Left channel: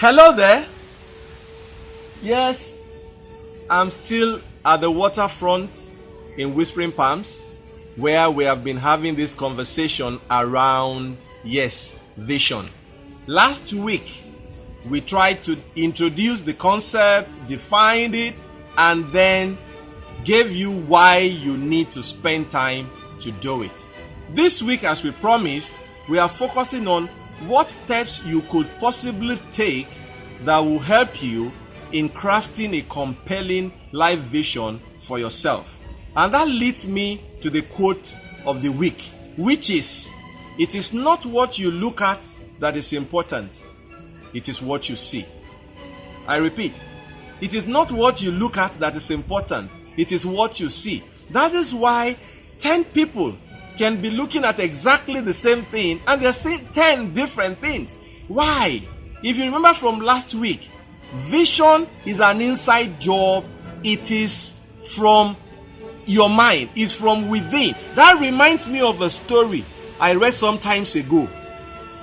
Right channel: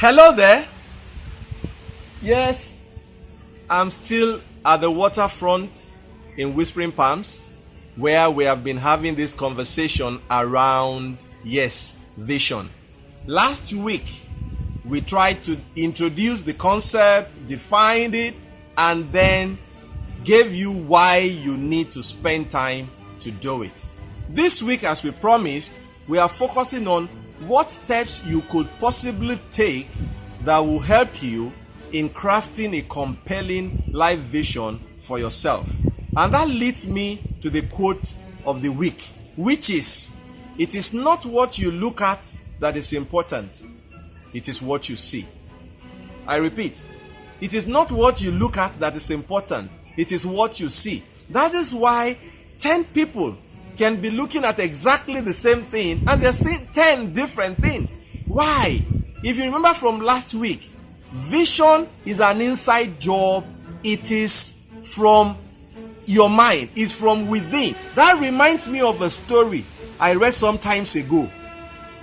Hello there. Yes, I'm still at the waterfront in Whispering Palms, where we have been having this conversation around, vision. Last week, we tried to introduce the concept, defined it, and then gave you why you need to spend time to do it. This week, as we promised, we are focusing on what steps you could possibly take that will help you in crafting a compelling life vision for yourself. And that leads me to the quote of the week, which is, "It is not what you look at that is important, it is what you see." I repeat, it is not what you look at that is important, it is what you see. That is why 10 people can be looking at exactly the same thing and they're seeing 10 different things. Why? If you remember from last week, vision is an inside job. It is from your mind. It's from within. That reminds me of a story I read some times ago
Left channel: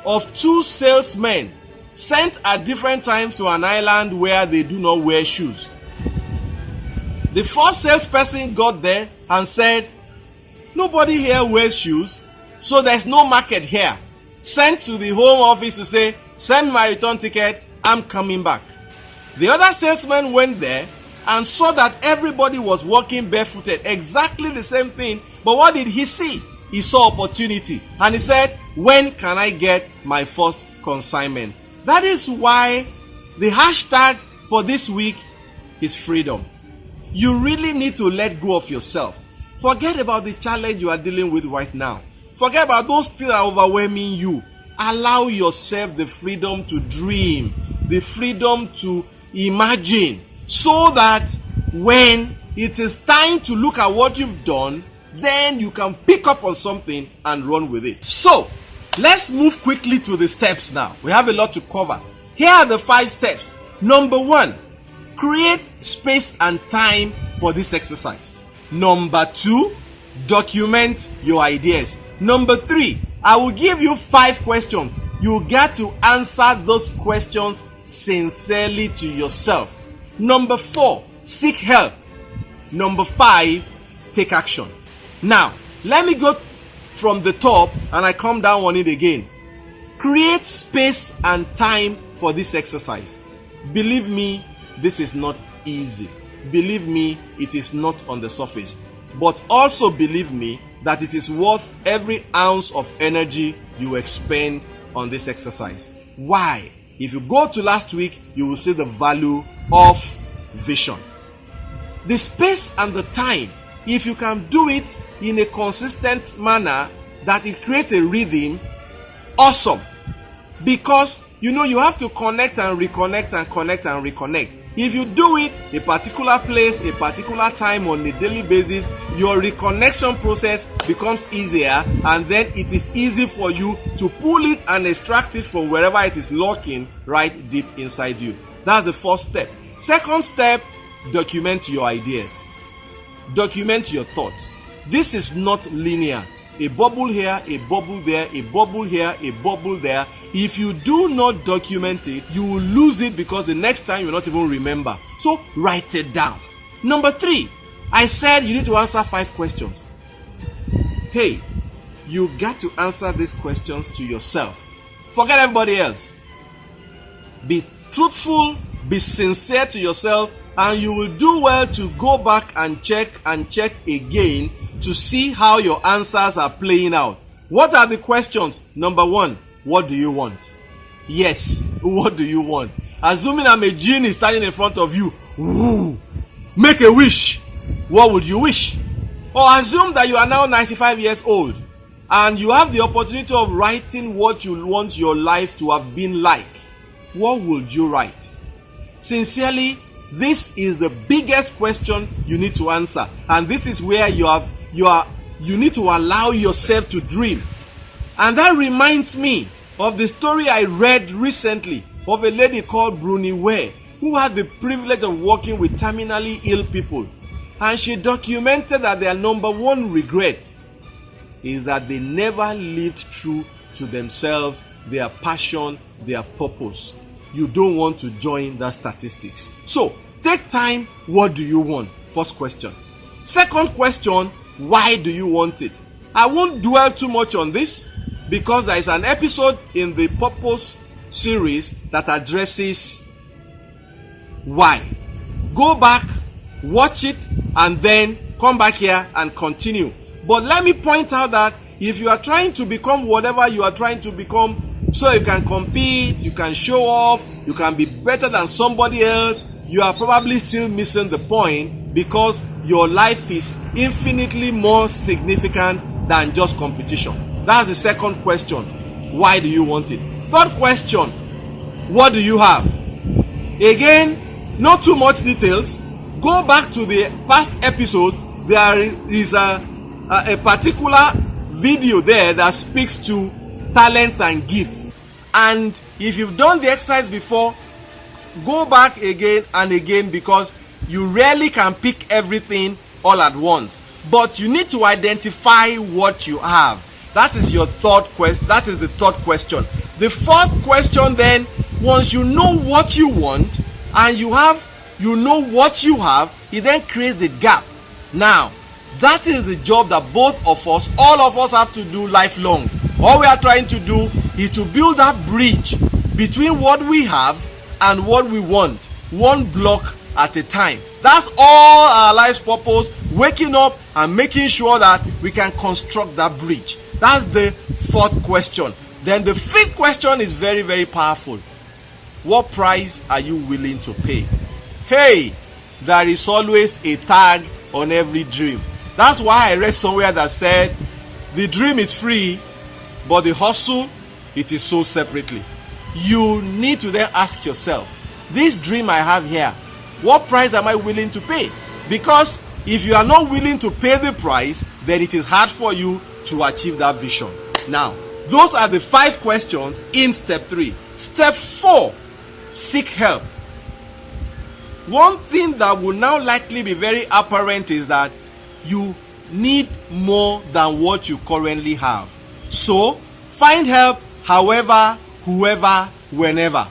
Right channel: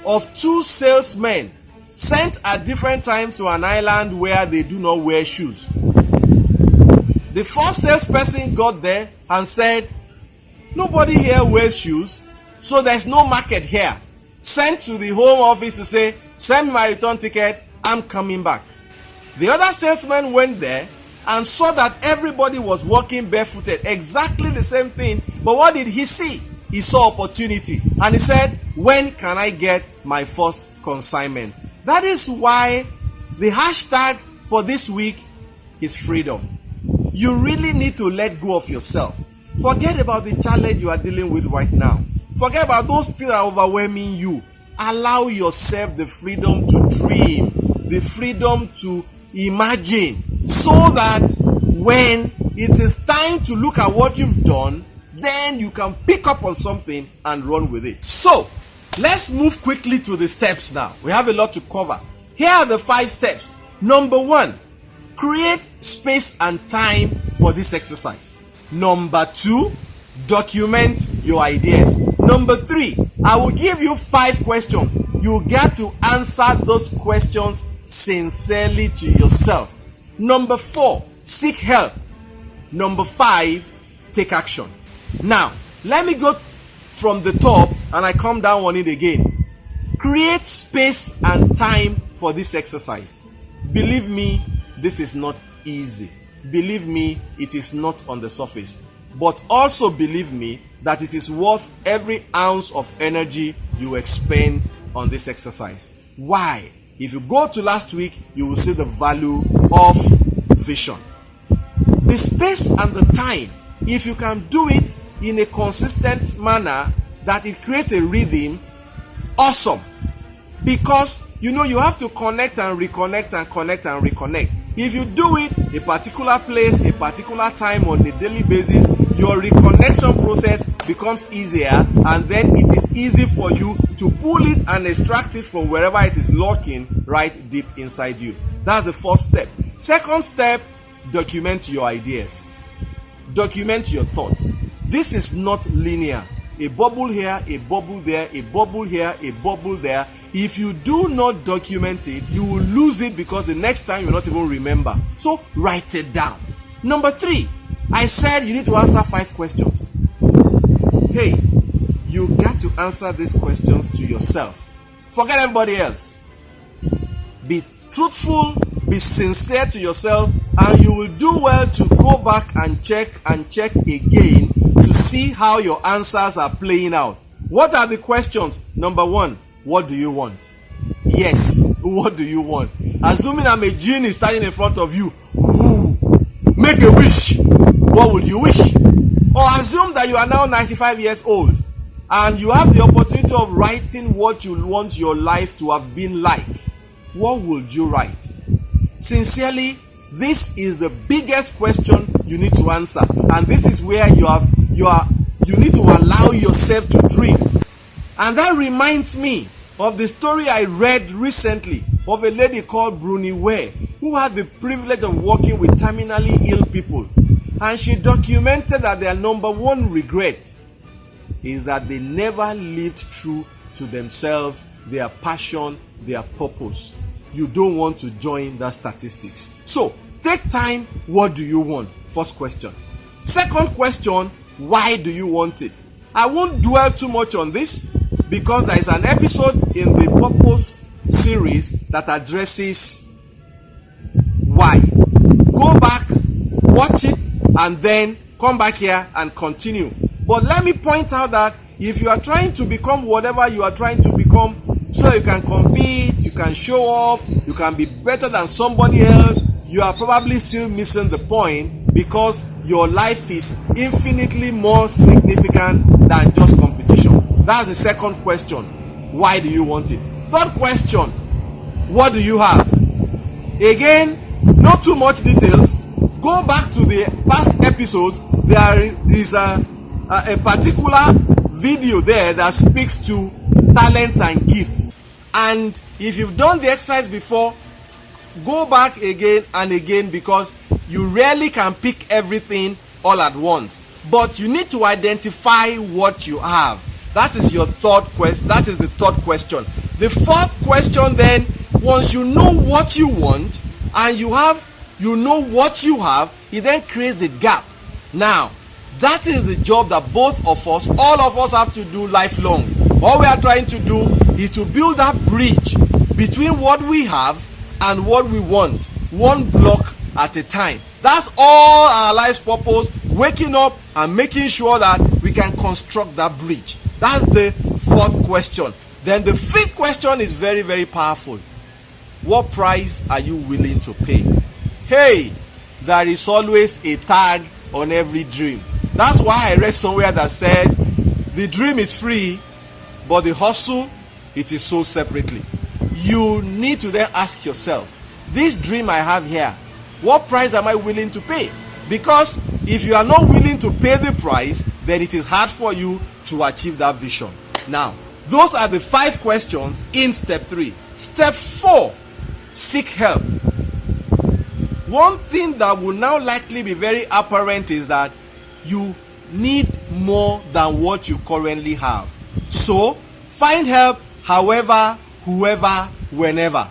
of two salesmen sent at different times to an island where they do not wear shoes. The first salesperson got there and said, "Nobody here wears shoes, so there's no market here." Sent to the home office to say, "Send me my return ticket, I'm coming back." The other salesman went there and saw that everybody was walking barefooted, exactly the same thing. But what did he see? He saw opportunity and he said, "When can I get my first consignment?" That is why the hashtag for this week is freedom. You really need to let go of yourself. Forget about the challenge you are dealing with right now. Forget about those people that are overwhelming you. Allow yourself the freedom to dream, the freedom to imagine, so that when it is time to look at what you've done, then you can pick up on something and run with it. So, let's move quickly to the steps now. We have a lot to cover. Here are the 5 steps. Number 1, create space and time for this exercise. Number 2, document your ideas. Number 3, I will give you 5 questions. You get to answer those questions sincerely to yourself. Number 4, seek help. Number 5, take action. Now, let me go from the top and I come down on it again. Create space and time for this exercise. Believe me, this is not easy. Believe me, it is not on the surface. But also believe me that it is worth every ounce of energy you expend on this exercise. Why? If you go to last week, you will see the value of vision. The space and the time, if you can do it in a consistent manner that it creates a rhythm, awesome. Because you have to connect and reconnect and connect and reconnect. If you do it a particular place, a particular time on a daily basis, your reconnection process becomes easier, and then it is easy for you to pull it and extract it from wherever it is lurking right deep inside you. That's the first step. Second step, document your ideas. Document your thoughts. This is not linear. A bubble here, a bubble there, a bubble here, a bubble there. If you do not document it, you will lose it because the next time you will not even remember. So write it down. Number 3, I said you need to answer 5 questions. Hey, you got to answer these questions to yourself. Forget everybody else. Be truthful, be sincere to yourself, and you will do well to go back and check again to see how your answers are playing out. What are the questions? Number 1, what do you want? Yes, what do you want? Assuming I'm a genie standing in front of you, make a wish. What would you wish? Or assume that you are now 95 years old and you have the opportunity of writing what you want your life to have been like. What would you write? Sincerely, this is the biggest question you need to answer, and this is where you need to allow yourself to dream. And that reminds me of the story I read recently of a lady called Bruni Ware, who had the privilege of working with terminally ill people. And she documented that their number 1 regret is that they never lived true to themselves, their passion, their purpose. you don't want to join that statistics. So take time. What do you want? First question. Second question, why do you want it? I won't dwell too much on this because there is an episode in the Purpose series that addresses why. Go back, watch it, and then come back here and continue. But let me point out that if you are trying to become whatever you are trying to become, so you can compete, you can show off, you can be better than somebody else, you are probably still missing the point, because your life is infinitely more significant than just competition. That's the second question. Why do you want it? Third question, what do you have? Again, not too much details. Go back to the past episodes. There is a particular video there that speaks to talents and gifts. And if you've done the exercise before, go back again and again, because you rarely can pick everything all at once. But you need to identify what you have. That is your third question. That is the third question. The fourth question then, once you know what you want and you know what you have, it then creates a gap. Now, that is the job that both of us, all of us, have to do lifelong. All we are trying to do is to build that bridge between what we have and what we want, one block at a time. That's all our life's purpose, waking up and making sure that we can construct that bridge. That's the fourth question. Then the fifth question is very, very powerful. What price are you willing to pay? Hey, there is always a tag on every dream. That's why I read somewhere that said, the dream is free, but the hustle, it is sold separately. You need to then ask yourself, this dream I have here, what price am I willing to pay? Because if you are not willing to pay the price, then it is hard for you to achieve that vision. Now, those are the 5 questions in step 3. Step 4, seek help. One thing that will now likely be very apparent is that you need more than what you currently have. So, find help however, whoever, whenever.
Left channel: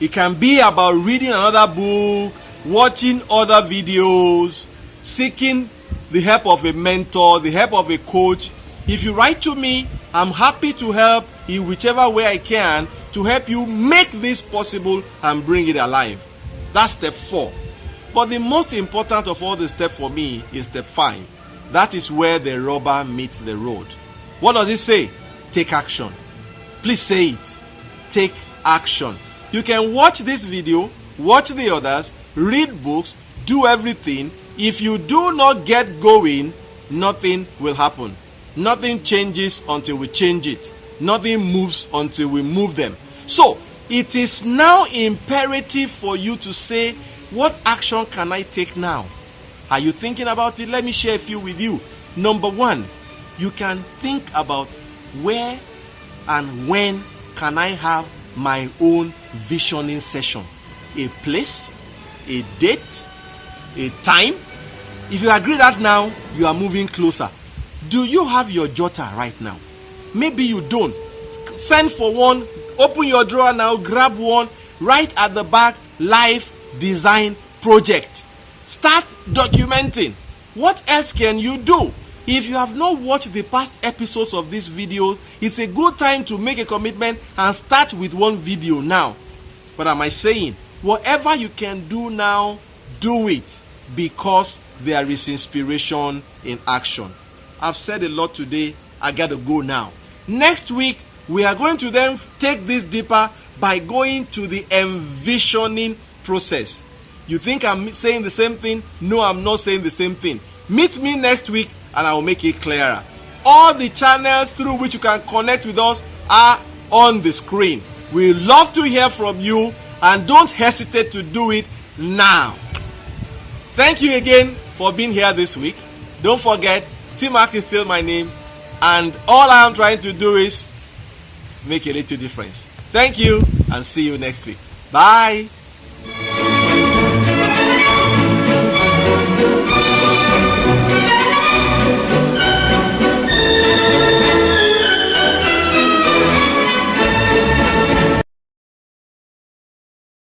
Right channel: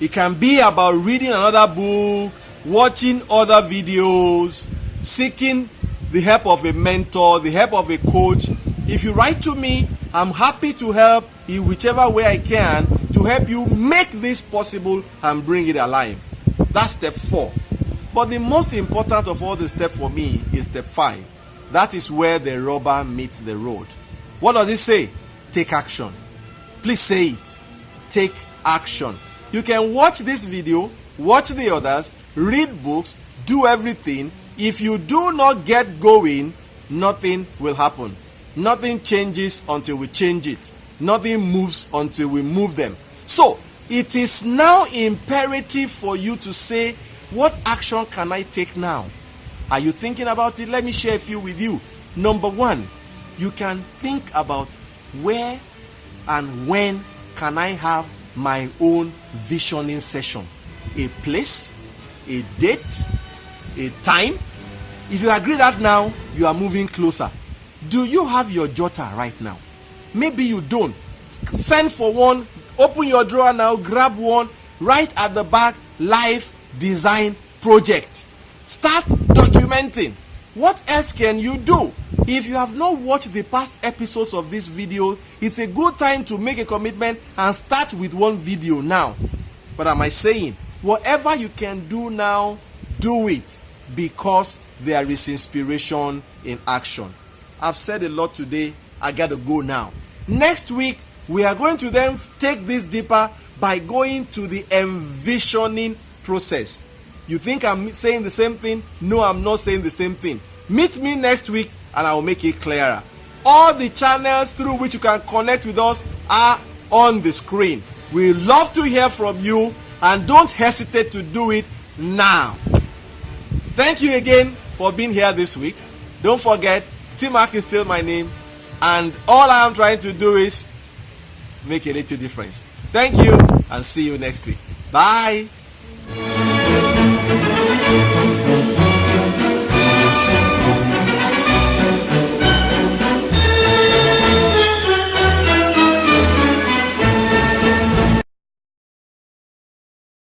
It can be about reading another book, watching other videos, seeking the help of a mentor, the help of a coach. If you write to me, I'm happy to help in whichever way I can to help you make this possible and bring it alive. That's step 4. But the most important of all the steps for me is step 5. That is where the rubber meets the road. What does it say? Take action. Please say it. Take action. You can watch this video, watch the others, read books, do everything. If you do not get going, nothing will happen. Nothing changes until we change it. Nothing moves until we move them. So, it is now imperative for you to say, what action can I take now? Are you thinking about it? Let me share a few with you. Number 1, you can think about where and when can I have my own visioning session. A place, a date, a time. If you agree that now, you are moving closer. Do you have your jotter right now? Maybe you don't. Send for one. Open your drawer now, grab one. Right at the back, life design project. Start documenting. What else can you do? If you have not watched the past episodes of this video, it's a good time to make a commitment and start with one video now. What am I saying? Whatever you can do now, do it, because there is inspiration in action. I've said a lot today. I gotta go now. Next week, we are going to then take this deeper by going to the envisioning process. You think I'm saying the same thing? No, I'm not saying the same thing. Meet me next week and I will make it clearer. All the channels through which you can connect with us are on the screen. We love to hear from you, and don't hesitate to do it now. Thank you again for being here this week. Don't forget, T-Mark is still my name, and all I am trying to do is make a little difference. Thank you, and see you next week. Bye.